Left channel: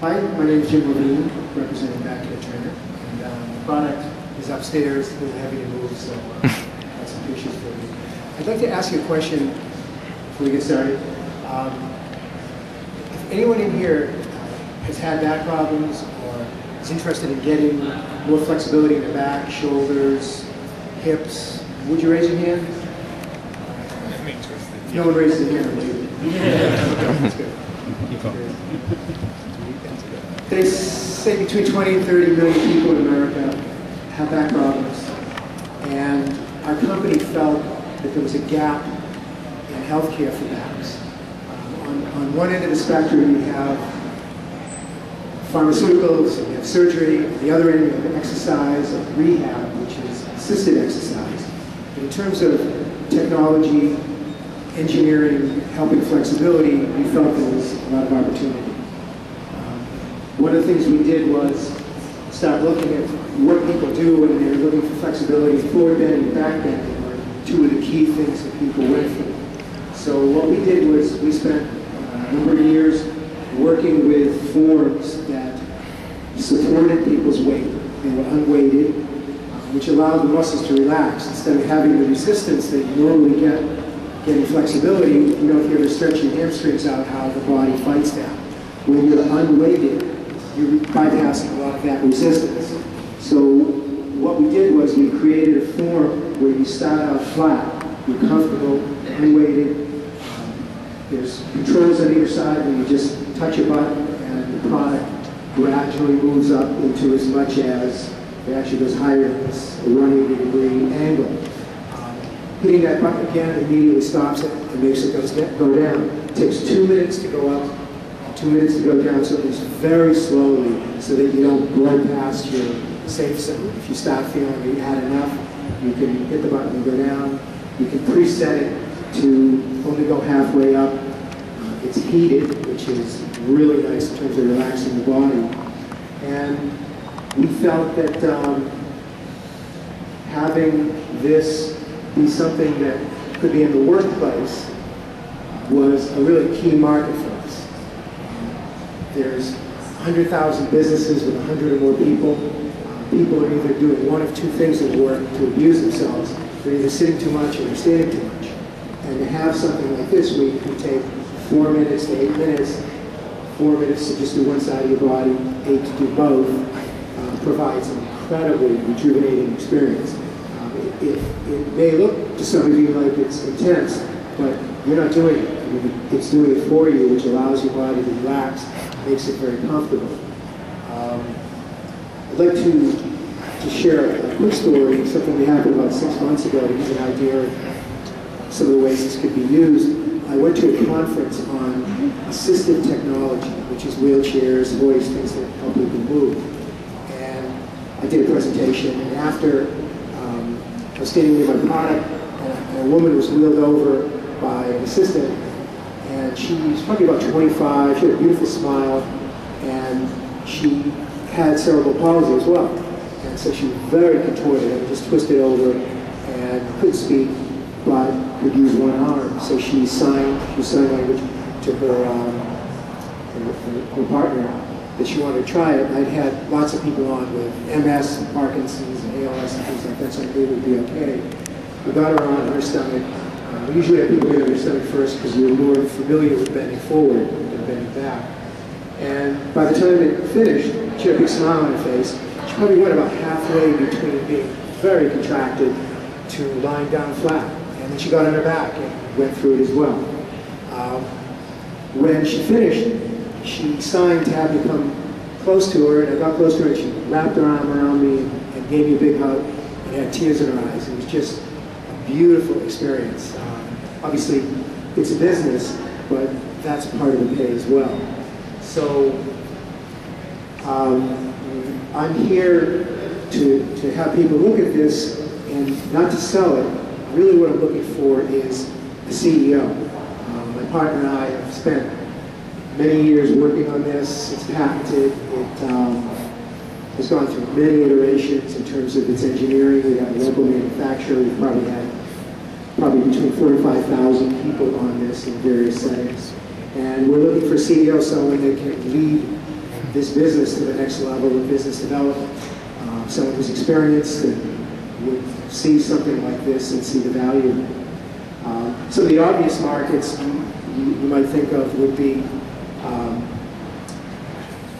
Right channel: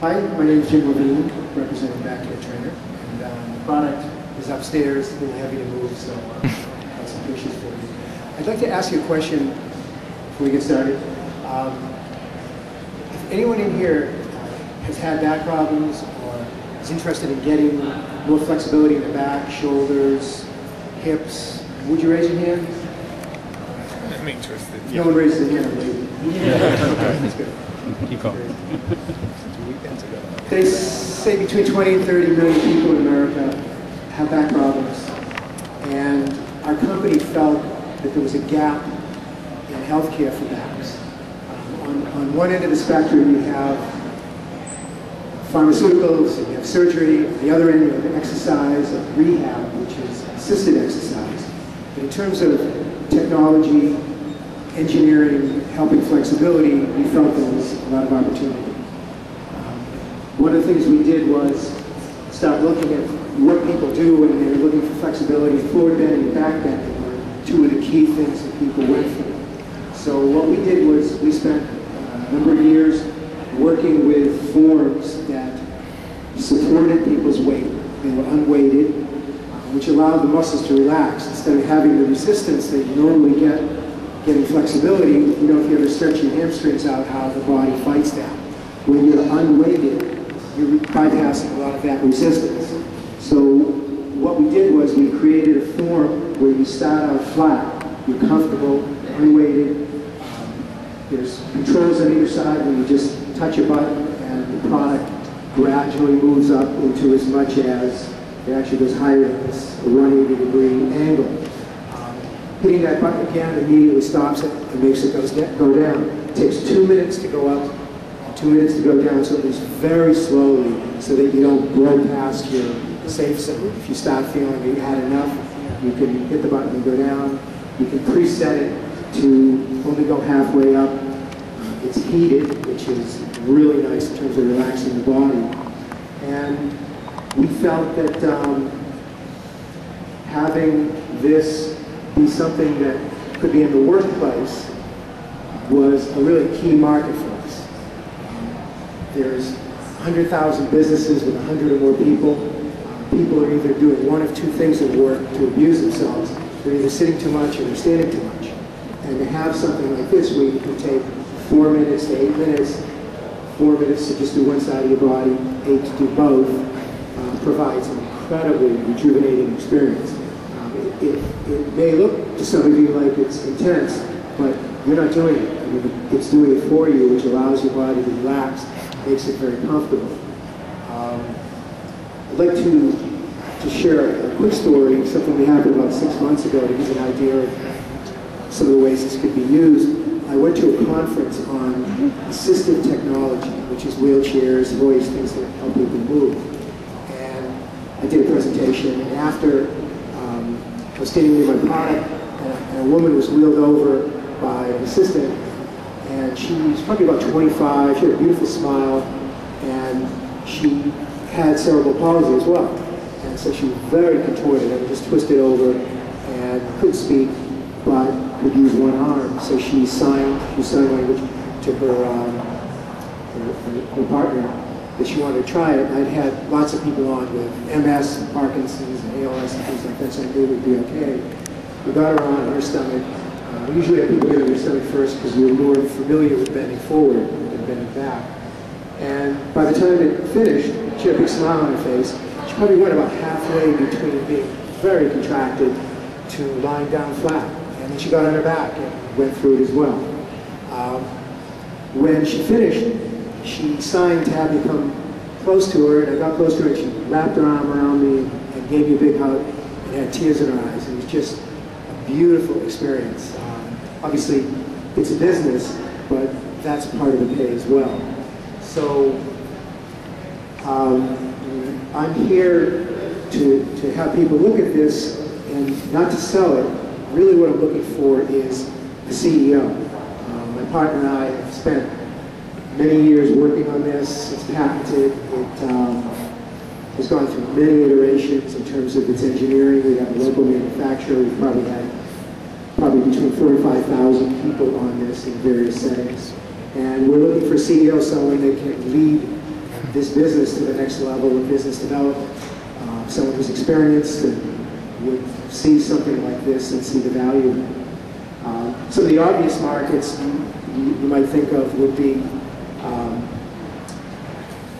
Hi, my name is Jim Levine, representing BackCare Trainer, and the product is upstairs, a little heavy to move, so got some pictures for you. I'd like to ask you a question before we get started. If anyone in here has had back problems or is interested in getting more flexibility in the back, shoulders, hips, would you raise your hand? I'm interested. No one raises their hand, maybe. Okay, that's good. Keep going. They say between 20 and 30 million people in America have back problems, and our company felt that there was a gap in healthcare for backs. On one end of the spectrum, you have pharmaceuticals, and you have surgery. On the other end, you have exercise, and rehab, which is assisted exercise. But in terms of technology, engineering, helping flexibility, we felt there was a lot of opportunity. One of the things we did was start looking at what people do when they're looking for flexibility. Forward bending and back bending were two of the key things that people went for. So what we did was we spent a number of years working with forms that supported people's weight. They were unweighted, which allowed the muscles to relax. Instead of having the resistance that you normally get getting flexibility, you know, if you ever stretch your hamstrings out, how the body fights that. When you're unweighted, you're bypassing a lot of that resistance. So what we did was we created a form where you start out flat, you're comfortable, unweighted. There's controls on either side where you just touch a button and the product gradually moves up into as much as, it actually goes higher than this, a 180-degree angle. Hitting that button again immediately stops it and makes it go down. It takes 2 minutes to go up, 2 minutes to go down, so it moves very slowly so that you don't blow past your safe zone. If you start feeling that you had enough, you can hit the button and go down. You can preset it to only go halfway up. It's heated, which is really nice in terms of relaxing the body. And we felt that having this be something that could be in the workplace was a really key market for us. There's 100,000 businesses with 100 or more people. People are either doing one of two things at work to abuse themselves. They're either sitting too much or they're standing too much. And to have something like this where you can take 4 minutes to 8 minutes, 4 minutes to just do one side of your body, 8 to do both, provides an incredibly rejuvenating experience. It may look to some of you like it's intense, but you're not doing it. I mean, it's doing it for you, which allows your body to relax, makes it very comfortable. I'd like to share a quick story, something that happened about 6 months ago to give you an idea of some of the ways this could be used. I went to a conference on assistive technology, which is wheelchairs, hoists, things that help people move. And I did a presentation, and after I was standing near my product, and a woman was wheeled over by an assistant, and she was probably about 25, she had a beautiful smile, and she had cerebral palsy as well. And so she was very contorted and just twisted over and couldn't speak, but could use one arm. So she signed language to her partner that she wanted to try it. I'd had lots of people on with MS and Parkinson's and ALS and things like that, so I knew it would be okay. We got her on her stomach. We usually have people get on their stomach first because we're more familiar with bending forward than bending back. And by the time it finished, she had a big smile on her face. She probably went about halfway between being very contracted to lying down flat. And then she got on her back and went through it as well. When she finished, she signed to have me come close to her, and I got close to her, and she wrapped her arm around me and gave me a big hug and had tears in her eyes. It was just a beautiful experience. Obviously, it's a business, but that's part of the pay as well. So I'm here to have people look at this and not to sell it. Really what I'm looking for is a CEO. My partner and I have spent many years working on this. It's patented. It has gone through many iterations in terms of its engineering. We have a local manufacturer. We've probably had between 45,000 people on this in various settings. And we're looking for a CEO, someone that can lead this business to the next level with business development. Someone who's experienced and would see something like this and see the value in it. Some of the obvious markets you might think of would be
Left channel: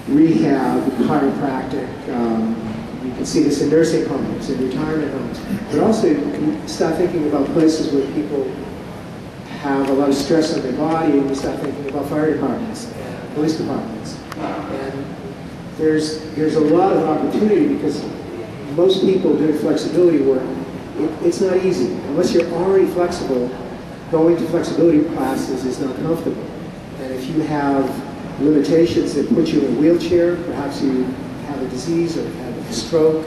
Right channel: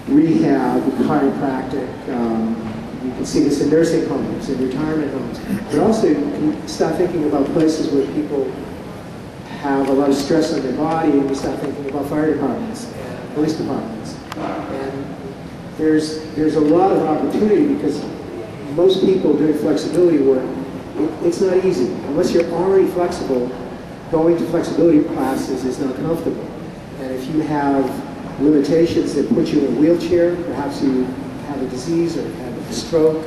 rehab, chiropractic. You can see this in nursing homes and retirement homes. But also, you can start thinking about places where people have a lot of stress on their body, and you start thinking about fire departments and police departments. And there's a lot of opportunity because most people doing flexibility work, it's not easy. Unless you're already flexible, going to flexibility classes is not comfortable. And if you have limitations that put you in a wheelchair, perhaps you have a disease or have a stroke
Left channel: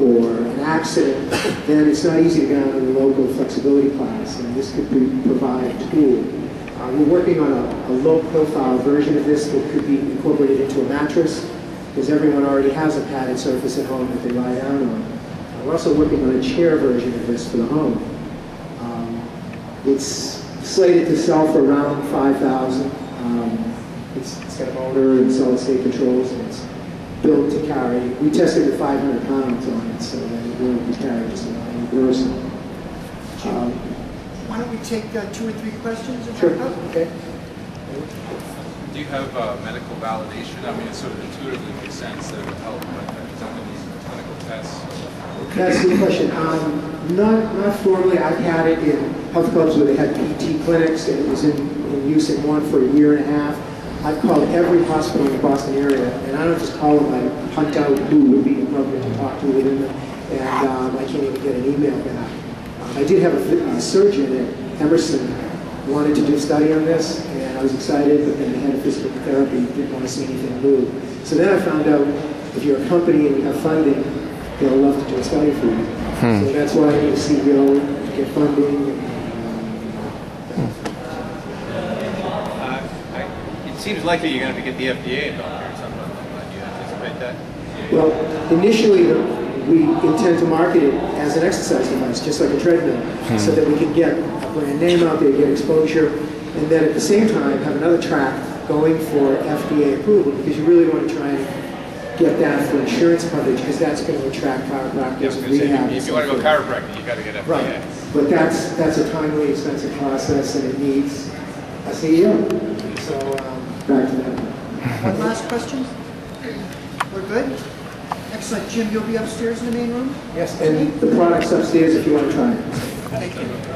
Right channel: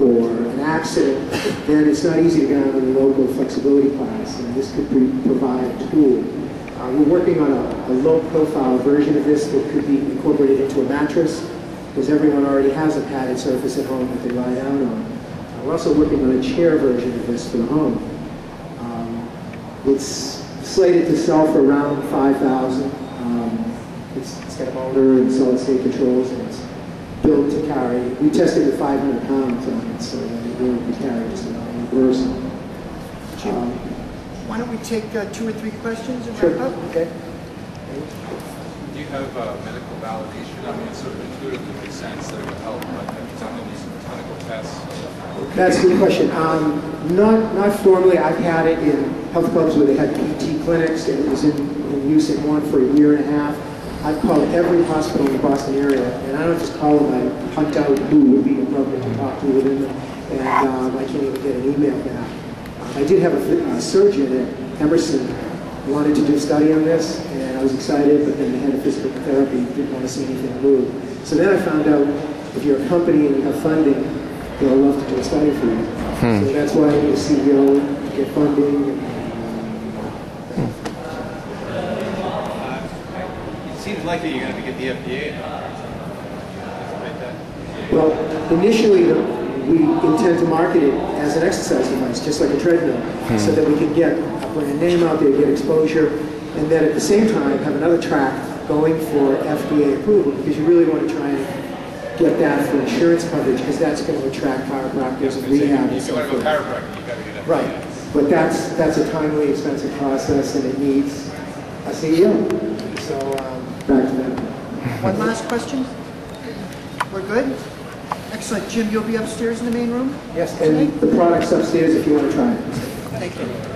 or an accident, then it's not easy to get out of the local flexibility class, and this could provide a tool. We're working on a low-profile version of this that could be incorporated into a mattress, because everyone already has a padded surface at home that they lie down on. We're also working on a chair version of this for the home. It's slated to sell for around $5,000. It's got a motor and solid-state controls, and it's built to carry. We tested with 500 pounds on it, so that it will be carried just about any person. Why don't we take 2 or 3 questions? Sure. Okay. Do you have medical validation? I mean, it sort of intuitively makes sense that it would help, but have you done any clinical tests? That's a good question. Not formally. I've had it in health clubs where they had PT clinics, and it was in use in one for a year and a half. I've called every hospital in the Boston area, and I don't just call them, I hunt out who would be appropriate to talk to within them, and I can't even get an email back. I did have a surgeon at Emerson wanted to do a study on this, and I was excited, but then the head of physical therapy didn't want to see anything move. So then I found out if you're a company and you have funding, they'll love to do a study for you. So that's why I need a CEO to get funding. It seems likely you're going to get the FDA involved or something. Do you anticipate that? Well, initially we intend to market it as an exercise device, just like a treadmill, so that we can get a brand name out there, get exposure, and then at the same time have another track going for FDA approval, because you really want to try and get that for insurance coverage, because that's going to attract chiropractors and rehab. If you want to go chiropractic, you got to get FDA. Right, but that's a timely, expensive process, and it needs a CEO. So back to that. One last question? We're good? Excellent. Jim, you'll be upstairs in the main room? Yes, and the product's upstairs if you want to try it. Thank you.